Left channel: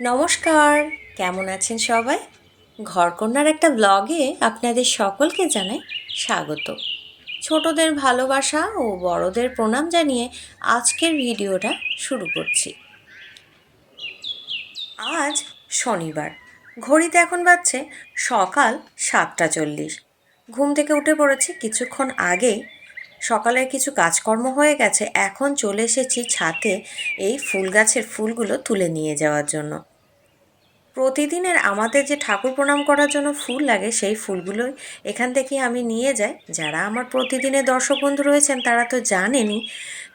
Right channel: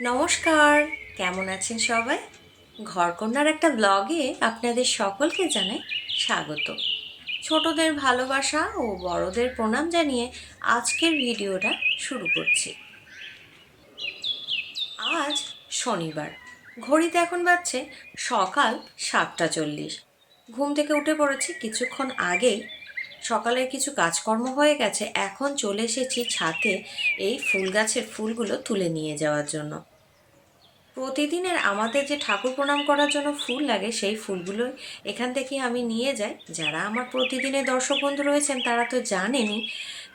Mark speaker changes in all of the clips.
Speaker 1: নমস্কার, কেমন আছেন সবাই? ঘরকন্যার একটা ব্লগে আপনাদের সকলকে জানাই স্বাগত। ছোটদের ভালোবাসা ও বড়দের প্রণাম জানিয়ে আজকের ভিডিওটা শুরু করছি। আজ শনিবার, ঘড়িতে এখন বাজছে সকাল সাতটা চল্লিশ। ঘুম থেকে উঠে পড়েছি কিছুক্ষণ আগেই সকালে কিছু কাজকর্ম হয়ে গেছে, এখন চলে এসেছি ছাতে এই ফুল গাছের ফুলগুলো তুলে নিয়ে যাওয়ার জন্য। প্রতিদিনের আমাদের যে ঠাকুর প্রণাম করার জন্য ফুল লাগে, সেই ফুলগুলো এখান থেকে আমি নিয়ে যাই। যারা আমার প্রতিদিনের দর্শক বন্ধু রয়েছেন, তারা তো জানেনই।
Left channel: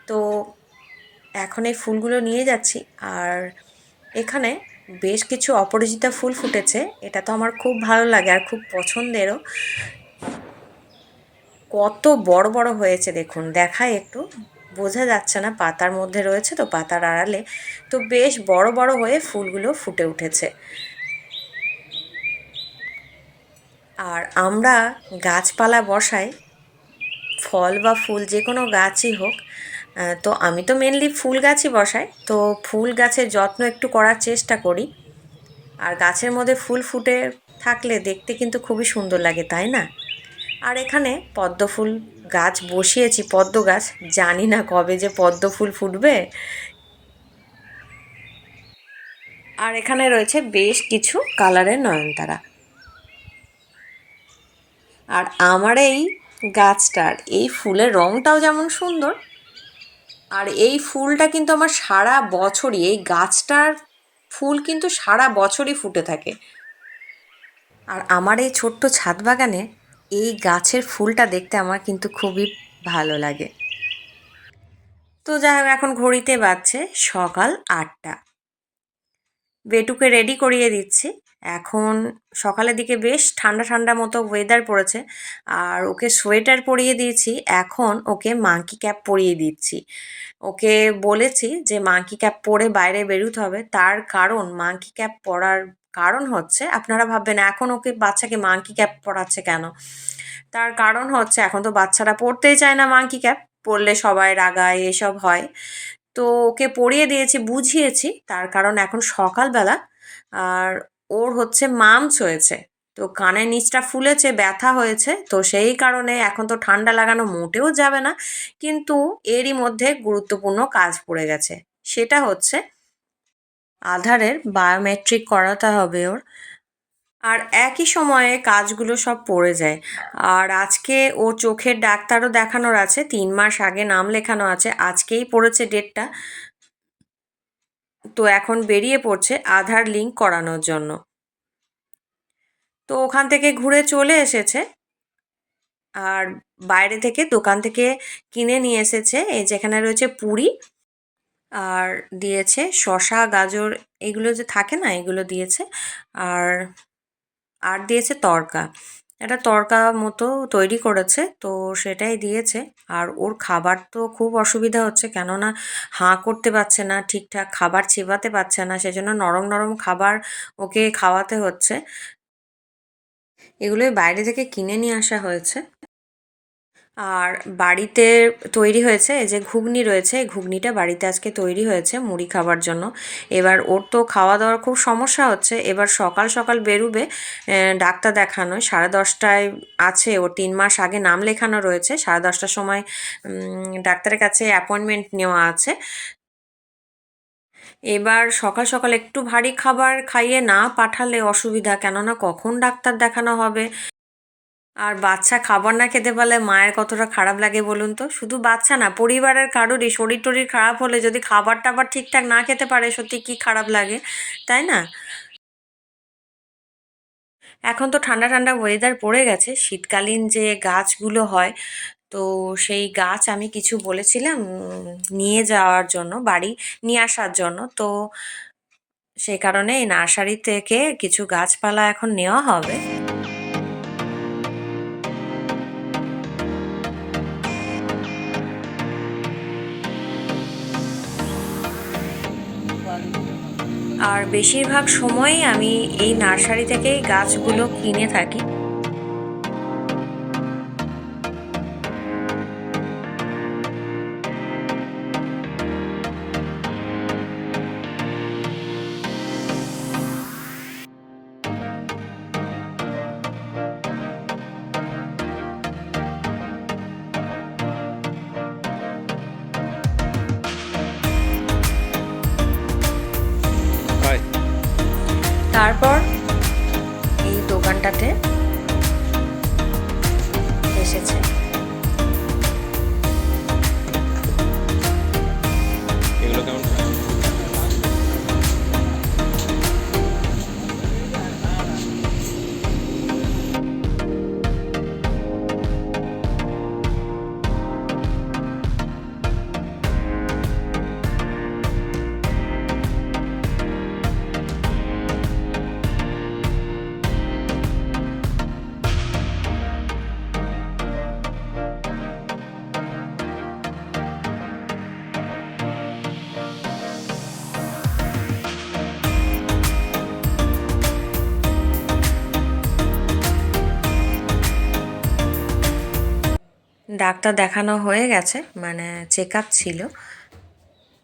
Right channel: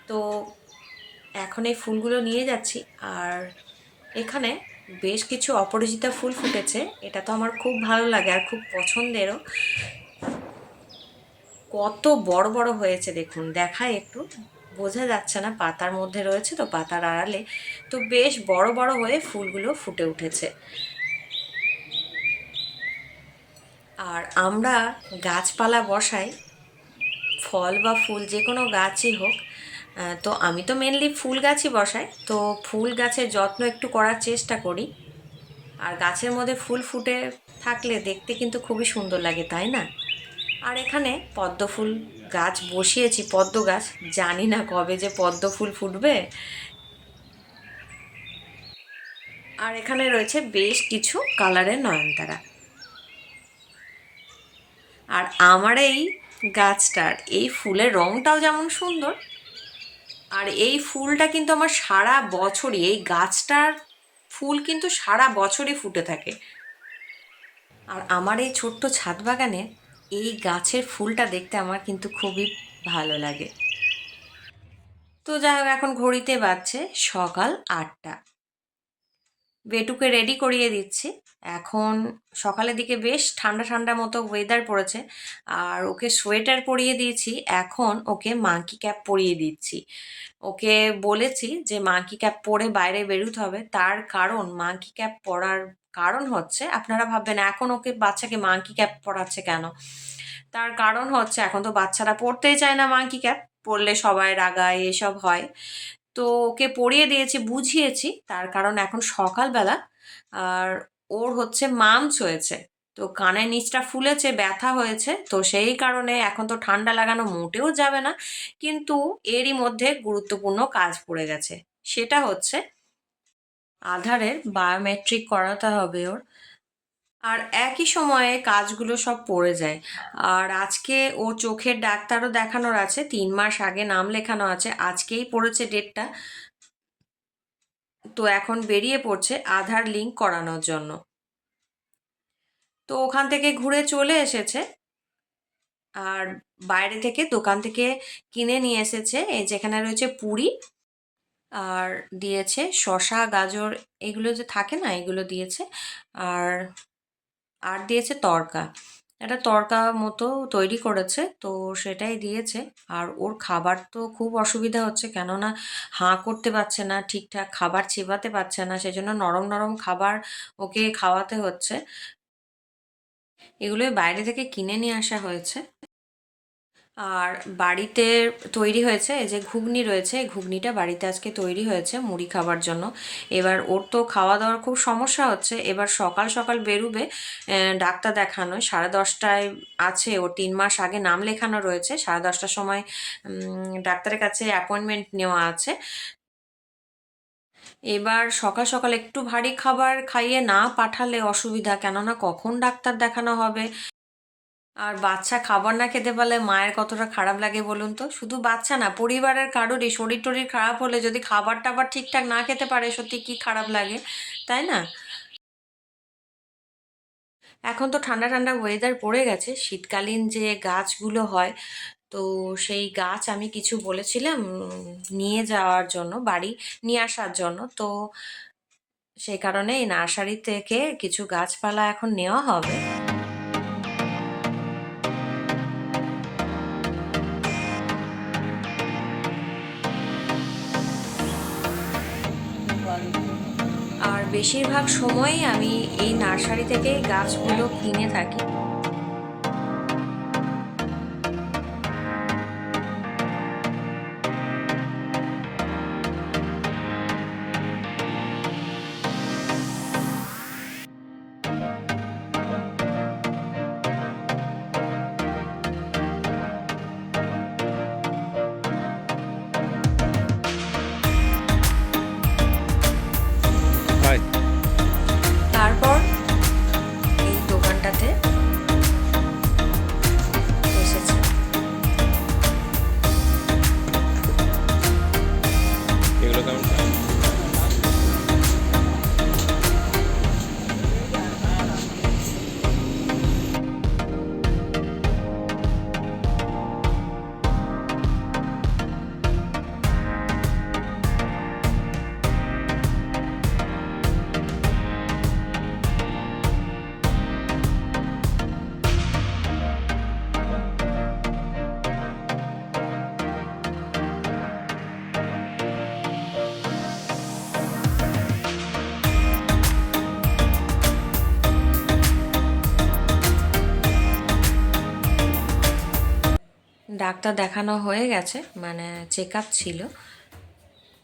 Speaker 1: তো এখন এই ফুলগুলো নিয়ে যাচ্ছি। আর এখানে বেশ কিছু অপরাজিতা ফুল ফুটেছে, এটা তো আমার খুব ভালো লাগে আর খুব পছন্দেরও। কত বড় বড় হয়েছে দেখুন। দেখায় একটু, বোঝা যাচ্ছে না, পাতার মধ্যে রয়েছে তো পাতার আড়ালে। তো বেশ বড় বড় হয়ে ফুলগুলো ফুটে উঠেছে। আর আমরা গাছপালা বসাই, ফল বা ফুল যে কোনো গাছই হোক তো আমি তো মেনলি ফুল গাছই বসাই। তো ফুল গাছের যত্ন একটু করার চেষ্টা করি। আর গাছের মধ্যে ফুল ফুটে থাকলে দেখতে কিন্তু খুবই সুন্দর লাগে, তাই না? আর এখানে পদ্ম ফুল গাছ বসিয়েছি, পদ্ম গাছ। জানি না কবে যে পদ্ম ফুল ফুটবে। আর এখানে রয়েছে বেশ কিছু কালারের নয়নতারা। আর আমার এই গাছটার, এই ফুলের রঙটাও যেমন সুন্দর, আর এই ফুলটা কিন্তু আমার সারা বছরই, এই গাছটার ফুল কিন্তু সারা বছরই ফুটে থাকে। আর আমার এই ছোট্ট ছাদ বাগানে এই গাছের ফুলটা দেখতে আমার কিন্তু খুবই ভালো লাগে। তো যাই হোক, এখন ঘড়িতে বাজছে সকাল আটটা। বেটুকে রেডি করিয়ে দিচ্ছি। এখন সকালের দিকে বেশ ঠান্ডা ঠান্ডা মতো ওয়েদার পড়েছে। আর ওকে সোয়েটার পরিয়ে দিয়েছি। এখন ওকে মাঙ্কি ক্যাপ পরিয়ে দিচ্ছি। ওকে বলেছি যে মাঙ্কি ক্যাপ পরে বাইরে বেরোতে হবে। তার কারণ মাঙ্কি ক্যাপ পরার কারণ হচ্ছে, আপনারা ভাববেন, এখন ওকে বাচ্চাকে মাঙ্কি ক্যাপ পড়াচ্ছে কেন? তার কারণ হচ্ছে, এখন তো বাচ্চারা পড়তেই চায় না মাঙ্কি ক্যাপ পড়লে সবাই রাগায়, এসব হয়। তো ওকে পড়িয়ে দিয়েছি, বুঝিয়েছি, তার কারণ এখন সকালবেলা, আর ওর হচ্ছে মামস হয়েছে তো কানের নিচটা ফুলেছে, ব্যথা হয়েছে, তো সেই কারণে এখন তো ঠান্ডা লাগানো মোটেও যাবে না, কিন্তু এরই মধ্যে গুরুত্বপূর্ণ কাজ পড়ে গেছে। সেটা হচ্ছে আধারের বায়োমেট্রিক করাতে হবে ওর। আর একই সময়ে কাজগুলো সব পড়ে যায়। আর আজকে ও চোখের ডাক্তারও দেখানোর আছে, তিন মাস আগে নাম লেখানো আছে, আজকেই পড়েছে ডেটটা। তো এখন বেরিয়ে পড়ছে আধার লিঙ্ক করানোর জন্য। তো ওখান থেকে ঘুরে চলে এসেছে। আর বাইরে থেকে দোকান থেকে কিনে নিয়ে এসেছে, এই যেখানে রয়েছে পুরি। আর দিয়েছে শশা গাজর এগুলো যে থাকে না, এগুলো দিয়েছে। আর আর দিয়েছে তরকা। একটা তরকা মতো তৈরি করেছে, তো সেটাই দিয়েছে। আর ওর খাবার তো খুব অসুবিধা হচ্ছে, কেননা হাঁ করতে পারছে না, ঠিকঠাক খাবার চেবাতে পারছে না, সেজন্য নরম নরম খাবার ওকে খাওয়াতে হচ্ছে। এগুলোই বাইরে থেকে কিনে নিয়ে আসা হয়েছে। আর বাড়িতে তৈরি হয়েছে, এই যে ঘুগনি রয়েছে, এই ঘুগনিটা বাড়িতে আজকে তৈরি হয়েছে মুড়ি খাবার জন্য। এবার ওর তো খাওয়া দাওয়ার খুব সমস্যা হচ্ছে, এবার সকাল সকাল বেরুবে ডাক্তার দেখানো সাড়ে দশটায় আছে, ও তিন মাস আগে নাম লেখানো রয়েছে, সাড়ে দশটার সময় ডাক্তারের কাছে অ্যাপয়েন্টমেন্ট নেওয়া আছে। এবার সকাল সকাল একটু ভারী খাবার খাইয়ে না পাঠালে অসুবিধা, কেননা কখন ডাক্তার দেখানো হবে? আর বাচ্চা খাবার না খেতে পারলে মায়ের কতটা খারাপ লাগে বলুন তো? শুধু বাচ্চা না, পরিবারের কারোরই শরীর টরির খারাপ হলে যদি খাবার টাবার ঠিকঠাক না খেতে পারে, সত্যি কি খারাপ লাগে, তাই না? এখন তো ঠান্ডা ঠান্ডা ওয়েদার পড়ে গেছে, শীতকালীন যে গাছগুলো হয়, তো সেই গাছ আমি কিছু বলেছিলাম নিয়ে যাওয়ার জন্য, বাড়ি নিয়ে আসার জন্য, তো সেই কারণে এই নার্সারি থেকে কিছু গাছপালা এখন নেওয়া হবে। আর বেশিরভাগ সময় আমি এই নার্সারি থেকে গাছগুলো কিনে থাকি। ঘন্টাতে। ডাক্তার দেখানো হয়ে গেছে মানে চেক আপ ছিল।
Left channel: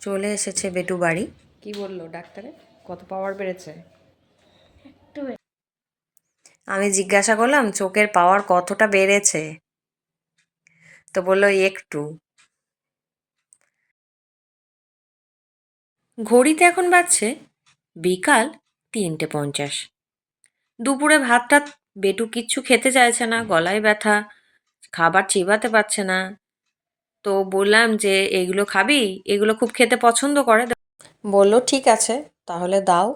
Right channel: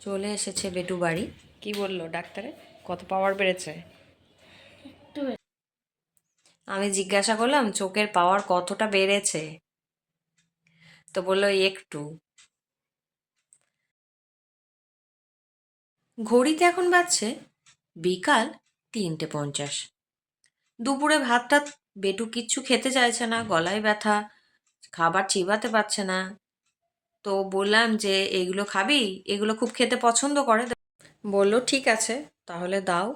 Speaker 1: চলে এসেছে বেটু বাড়ি। কি বলল ডাক্তারে? কত পাওয়ার বেড়েছে? আমি জিজ্ঞাসা করলাম চোখের পাওয়ার কতটা বেড়েছে? তো বলল একটু। ঘড়িতে এখন বাজছে বিকাল তিনটে পঞ্চাশ। দুপুরে ভাতটা বেটু কিচ্ছু খেতে চাইছে না গলায় ব্যথা। খাবার চিবাতে পারছে না। তো বললাম যে, এগুলো খাবি? এগুলো খুব খেতে পছন্দ করে। বলল, ঠিক আছে, তাহলে দাও।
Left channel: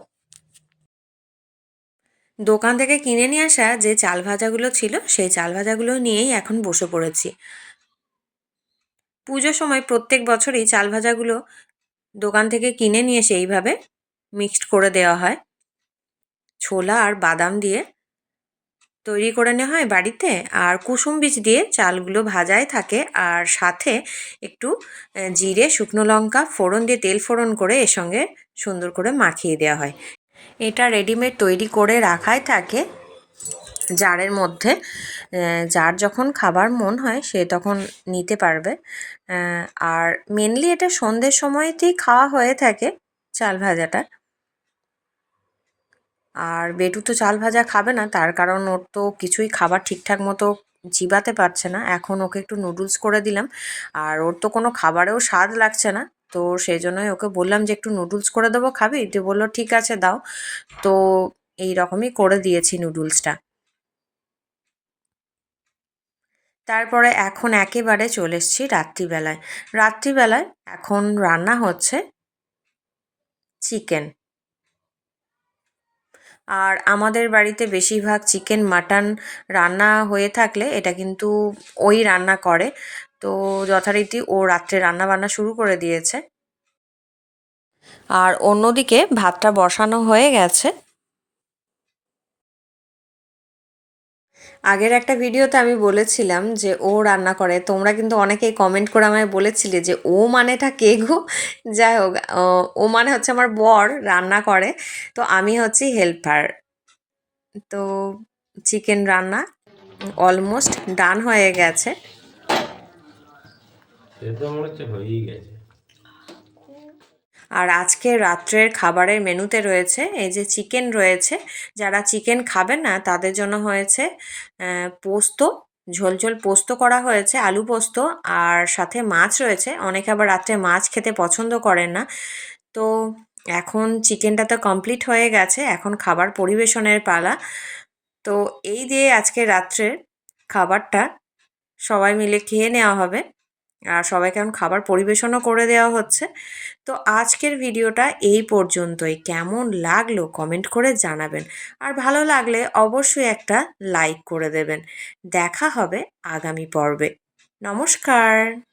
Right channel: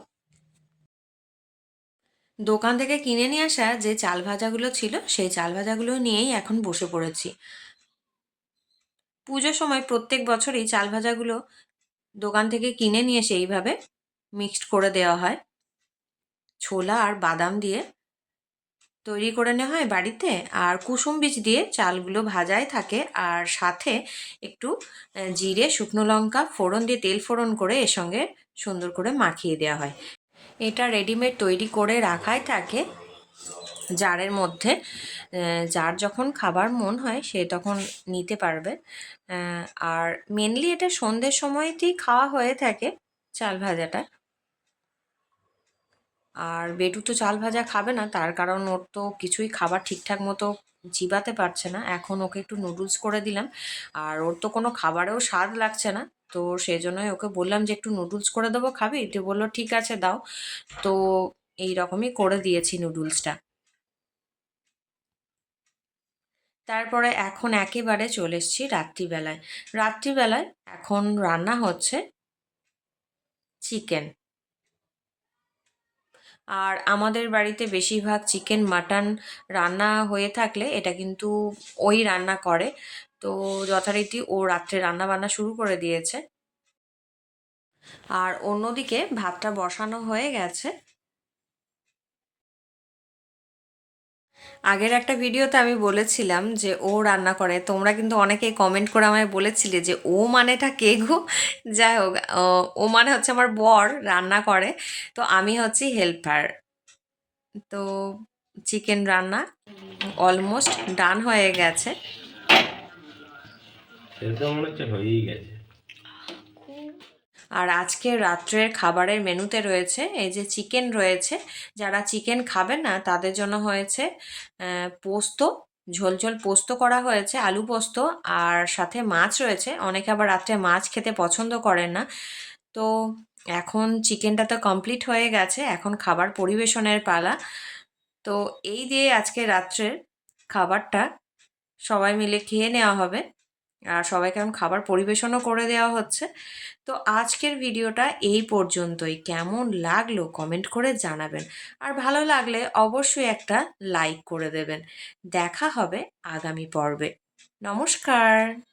Speaker 1: দোকান থেকে কিনে নিয়ে আসা যে চাল ভাজাগুলো ছিল, সেই চাল ভাজাগুলো নিয়েই এখন বসে পড়েছি। পুজোর সময় প্রত্যেক বছরই চাল ভাজাগুলো দোকান থেকে কিনে নিয়ে এসে এইভাবে মিক্সড করে দেওয়া হয়। ছোলা আর বাদাম দিয়ে তৈরি করে নেওয়া হয় বাড়িতে। আর কুসুম বীজ দিয়ে চালগুলো ভাজাই থাকে। আর সাথে একটু জিরে, শুকনো লঙ্কা ফোড়ন দিয়ে তেল ফোড়ন করে এর সঙ্গে সুন্দর করে মাখিয়ে দেওয়া হয়। এটা রেডিমেড তৈরি করে রাখাই থাকে। জারের মধ্যে যার যখন খাবার মন হয় সে তখন নিতে পারবে। আর মেনলি এটা সন্ধ্যের সময়তেই খাওয়া হয়ে থাকে চাল ভাজাটা। আর বেটু তো চাল ভাজা খাবে না, তার কারণ ওর তো কিছুই খাবার ঠিকঠাক মতো চিবাতে পারছে না। এখন ওকে একটু নুডলস করে দিলাম, আর ওর তো কোনো খাবারেও স্বাদ লাগছে না। তো সেই জন্যই ওকে বললাম যে একটু নুডলস করে দেবো, খাবি? তো বলল, ঠিক আছে, দাও। তো এই রকমই করে দিয়েছি নুডলসটা তারপরে এখন একেবারে চলে এসেছি রাত্রিবেলায়। রাত্রিবেলায় এখন রান্না হচ্ছে চিকেন আর আমাদের বাড়িতে বেশিরভাগ চিকেন, মাটন রান্না হয়ে থাকলে এটা কিন্তু ওই রান্না করে। তো যথারীতি ও রাত্রে রান্না বান্না শুরু করে দিয়েছে। আর অন্যদিকে ভাতটা বসানো হয়ে গেছে। আগের একটা ভিডিওতে আমি বলেছিলাম যে ও রান্না করে। তোমরা কিন্তু অনেকেই কমেন্ট করে আমায় বলেছিলে যে ও মানেটা কে গো? যাই হোক, ও- মানে হচ্ছে আমার বর রান্না করে। তো আমি হচ্ছি হেল্পার তো চিকেন রান্না অলমোস্ট ডান হয়ে গেছে।
Speaker 2: হয়েই গেছে।
Speaker 1: আর আজকে রাত্রের খাবারের মেনুতে রয়েছে এই যে চিকেন রয়েছে। যারা চিকেন খাবে না, তাদের জন্য হয়েছে পোস্ত ঝোল ঝোল পোস্ত করা হয়েছে, আলু পোস্ত আর সাথে মাছ রয়েছে। অনেকে আবার রাত্রে মাছ খেতে পছন্দ করেন না। তো এখন চিকেনটা তো কমপ্লিট হয়ে গেছে, এখন খাবার পরিবেশনের পালা। তো এই দিয়ে আজকে রাত্রের খাবারটা সবাই মিলে খেয়ে নেওয়া হবে। আর সবাইকে এখন খাবার পরিবেশনও করে দেওয়া হচ্ছে। তো আজকের ভিডিওটা এই পর্যন্তই। কেমন লাগল কমেন্ট করে জানাবেন। আর ভালো লাগলে অবশ্যই একটা লাইক করে দেবেন। দেখা হবে আগামী পর্বে। নমস্কার।